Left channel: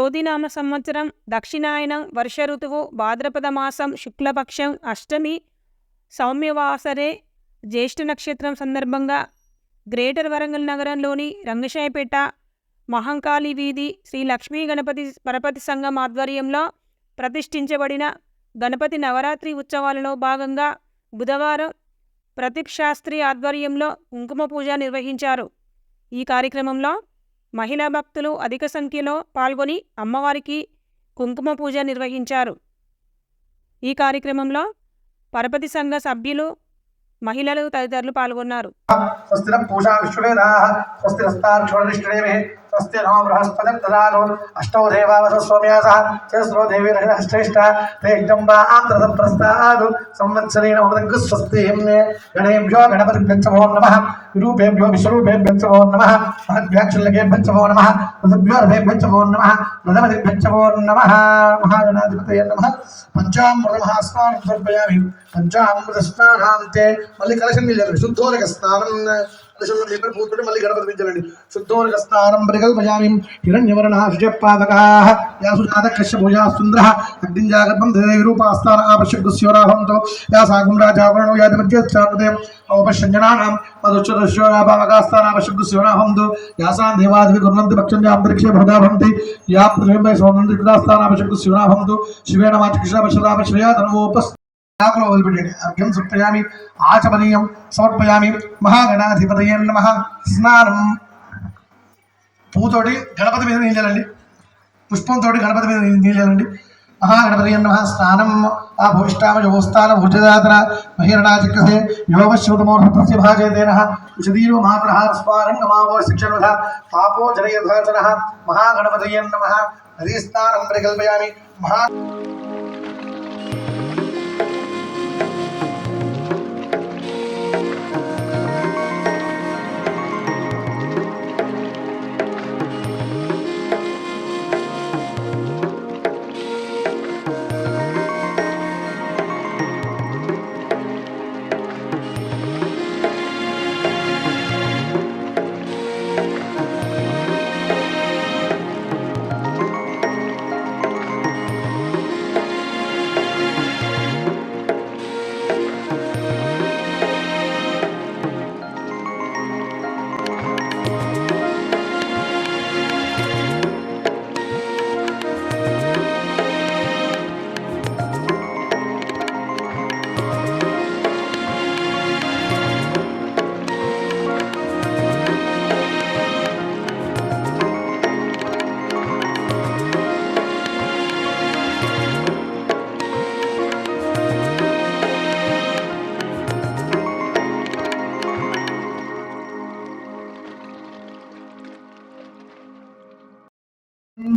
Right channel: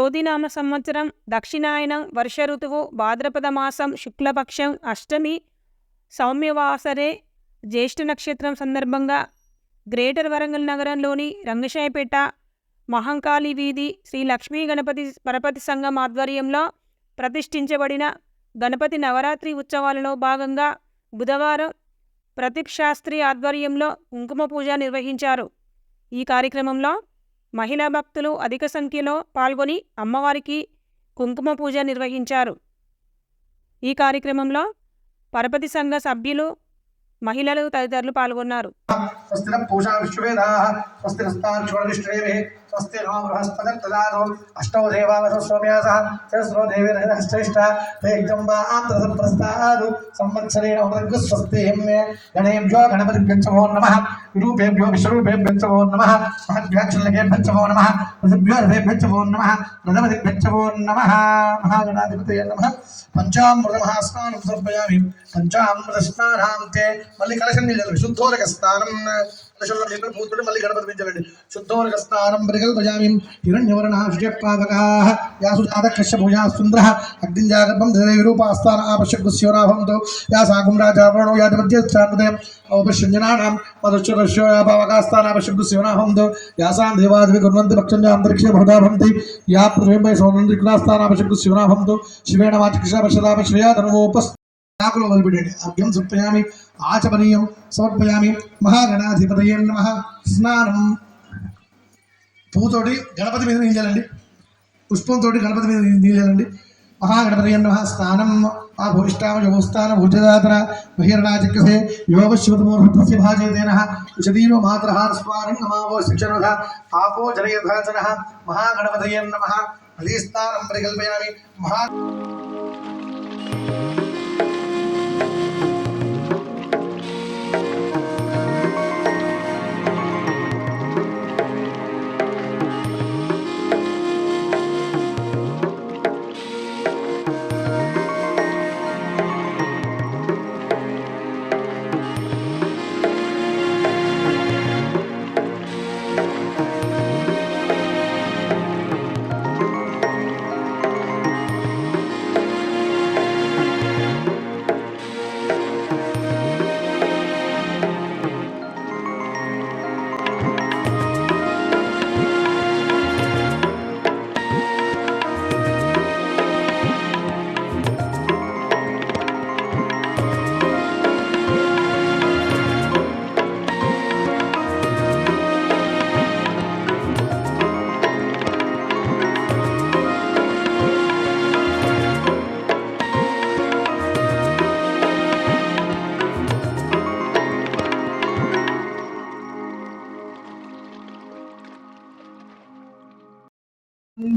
క్రోధినామ సంవత్సరం దక్షిణాయనం వర్ష ఋతువు భాద్రపద మాసం శుక్లపక్షం అష్టమి సౌమ్యవాసరే జ్యేష్ఠ నక్షత్రం సందర్భంగా గ్రేటర్ వరంగల్ నగరంలోని రంగశాయపేట మహంకాళి వీధి శ్రీ లక్ష్మీ గణపతి పరపతి సంఘం ఆధ్వర్యంలో ప్రతిష్ఠించబడిన గణపతి నవరాత్రి ఉత్సవాలలో భాగంగా బుధవారం ప్రతీప్ శాస్త్రి ఆధ్వర్యంలో కుంకుమ పూజ నిర్వహించారు. ఈ కార్యక్రమంలో మహిళా భక్తులు అధిక సంఖ్యలో పాల్గొని అమ్మవారికి కుంకుమ పూజ నిర్వహించారు. ఈ కార్యక్రమంలో పరపతి సంఘ సభ్యులు మహిళలు తదితరులు పాల్గొన్నారు. स्वस्ति नमो बृहस्पति ददातु अष्टौ देवावस सौम्यासः चतस्रो देवीर्हश्रेष्ठा ते जम्बा आन्द्रतं प्रस्तादु संवत्सरेण मृदङ्ग स्वस्तिः मे गणेभ्यो गणपतिभ्यश्च भो नमः विरूपेभ्यो विश्वरूपेभ्यश्च भो नमः महद्भ्याक्षुल्लकेभ्यश्च भो नमः ऋतुभ्यो रथेभ्यश्च भो नमः रथमतिभ्यश्च भो नमः महागणाधिपतये नमः पञ्चामृतमहास्नानं समर्पयामि पञ्चामृतस्नानां ते मल्लिकलशं शुद्धोदकस्नानं నిల్లండి శుద్ధోరక స్నానం మళ్ళీ గణపతి పెంచాలండి శుద్ధోరక స్నానం పరికల్పయామి హిరణ్యవర్ణ శుచపాదకా యాసు కృష్ణ భూజా సుందర అగ్నింజాగర్భం దేవి రూపాస్థాన ఆపశక్కు యా సాగుం రాజావరణో యాది మధ్యస్థానదయం ఔపశంజనానాం మధుశ్చరశ్యోగాభావకాస్థాన ఆపశక్కు యాసాం దేవాదివి కుర్వంతి యా పృథివీపై శివేణ వాచ ఆకులు వదిలిపెట్టండి అర్ఘ్యం సమర్పయామి ఆచమనీయం సమర్పయామి మహాగణాధిపతయ నమ స్నానం పూతోటి గణపతి మీద నీళ్ళండి పుష్పంతో గణపతి మీద నీళ్ళండి మహాగణపతి నమ. స్నానం ఆ భూష్టామ యోస్థాన భుజదాతన బహిరణాచక్రసే యోగశ్రుతమూర్ధస్య భాజేతేన విశదీరో మాతరహార స్వారంగమావో శిక్షణ తాపో జనయధాచన మహాగణపతయ నమ. హరిస్నానం పరికల్పయామి. మహా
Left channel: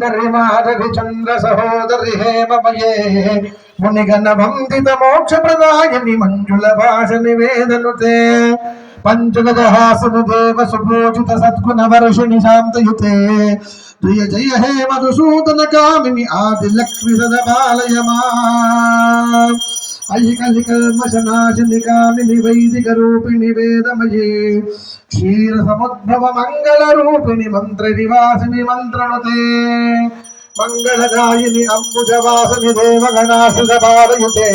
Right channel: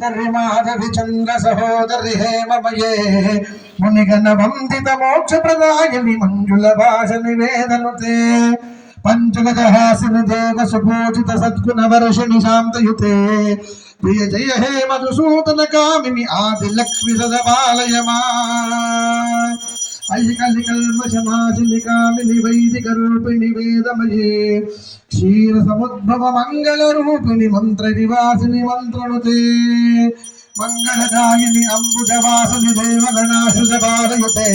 సుందరి చంద్ర సహోదరి హేమమయే మునిగణ వందిత మోక్ష ప్రదాయని మంజుల భాష నివేదనుతే పంచగజహాసన దేవ సుభోజిత సద్గుణ వర్షిణి శాంతయుతే ప్రియ జయ హే మధుసూదన కామిని ఆది లక్ష్మి సదపాలయ మా ఐకలికల్మశనాశిని వైదిక రూపిణి వేదమయే క్షీర సముద్భవ మంగళ రూపిణి మంత్ర నివాసిని మంత్రణుతే మంగళదాయిని అంబుజవాసని దేవగణాశుధపాలయుతే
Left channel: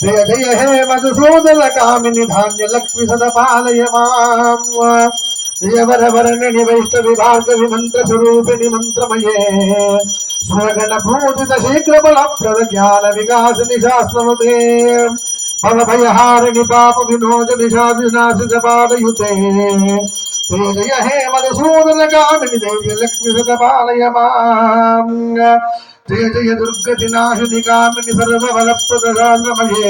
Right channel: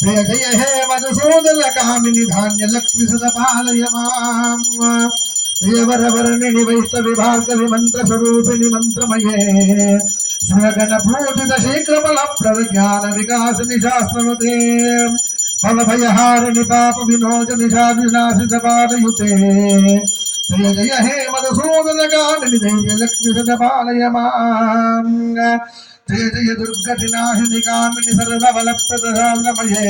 జయ జయ హే మధుసూదన కామిని ధాన్య లక్ష్మి సద పాలయ మాం జయవరవరణి వైష్ణవి భార్గవి మంత్ర స్వరూపిణి మంత్రమయే. స్వగణ భూజిత శీఘ్ర బల ప్రద జ్ఞాన వికాసిని శాస్త్రముతే ఫల భయహారిణి పాప వినోద నిషాదినాశిత పాదయుతే. జయ హే మధుసూదన కామిని దేవ్య లక్ష్మి సదపాలయ మాం జయ దుర్గతి నాశిని కామిని సర్వబల ప్రదమయే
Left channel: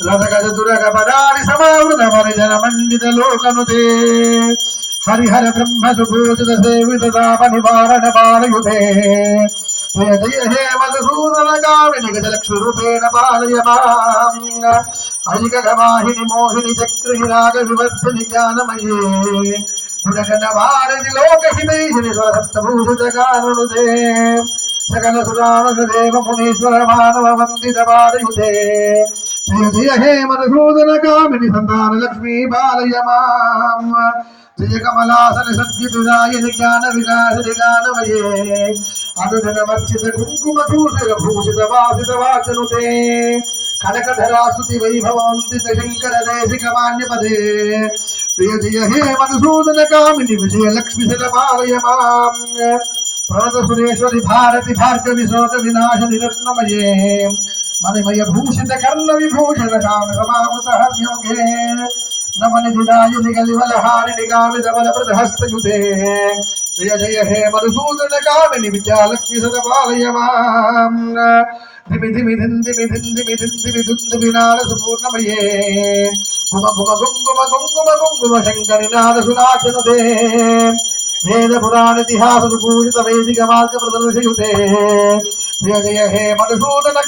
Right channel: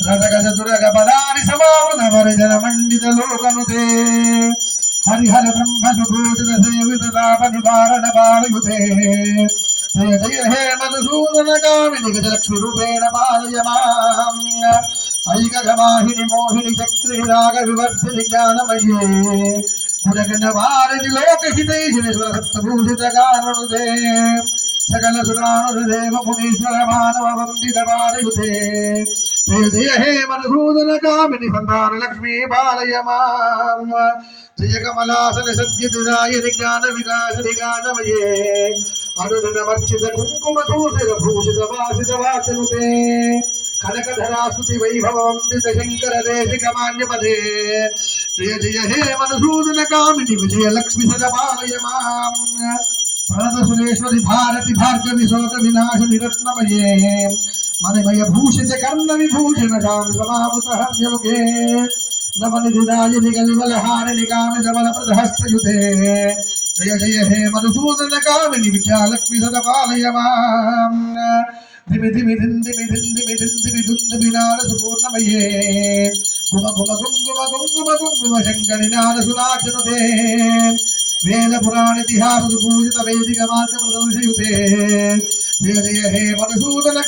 రథగజ సమావృత పరిజన మండిత లోకనుతే హరిహర బ్రహ్మ సుభూషిత సేవిత తాప పాలయుతే జయ జయ హే మధుసూదన కామిని గజలక్ష్మి పాలయ ఐకగమాహిని మోహిని చక్రి రాగ వివర్ధిని జ్ఞానమయే గుణగణ లోకహితైషిని కారణుదే సకల సురాణుదేవ మునీశ్వర మానవ వందిత పాదయుతే జయ హే మధుసూదన కామిని సంతాన లక్ష్మీ బాలయ మాం జయ కమలాసన సద్యదురాయని జ్ఞాన విలాసని గానమయే అనుదన వర్చిత కుంకుమ దూషర భూషిత వాసిత వాచనుతే కనకధరాసుతి వైభవంతిత శంకర దేశిక మాన్యపదే ప్రియ జయ హే మధుసూదన కామిని విజయలక్ష్మి లక్ష్మి శతపాలయ మాం ప్రణత భారతి భార్గవి శోక వినాశ నిరత్నమయే. మణిమయ భూషిత కర్ణ విభూషణ కామ సమావృత హర్యోగే. నమనిధిదాయుని కలివలహారిణి కామిత బల ప్రదహస్తయుతే జయ జయ హే మధుసూదన కామిని విద్యాలక్ష్మి సదపాలయ మాం దిమి దిమి దిందిమి దిందిమి దిందిమి దుందిమి నారసు పూర్ణమయే గుమ గుమ గుంగుమ గుంగుమ గుంగుమ శంకరి నారసు నాచనుతే వేద పురాణితిహాస పూజిత వైదిక మార్గ ప్రదర్శయుతే. జయ జయ హే మధుసూదన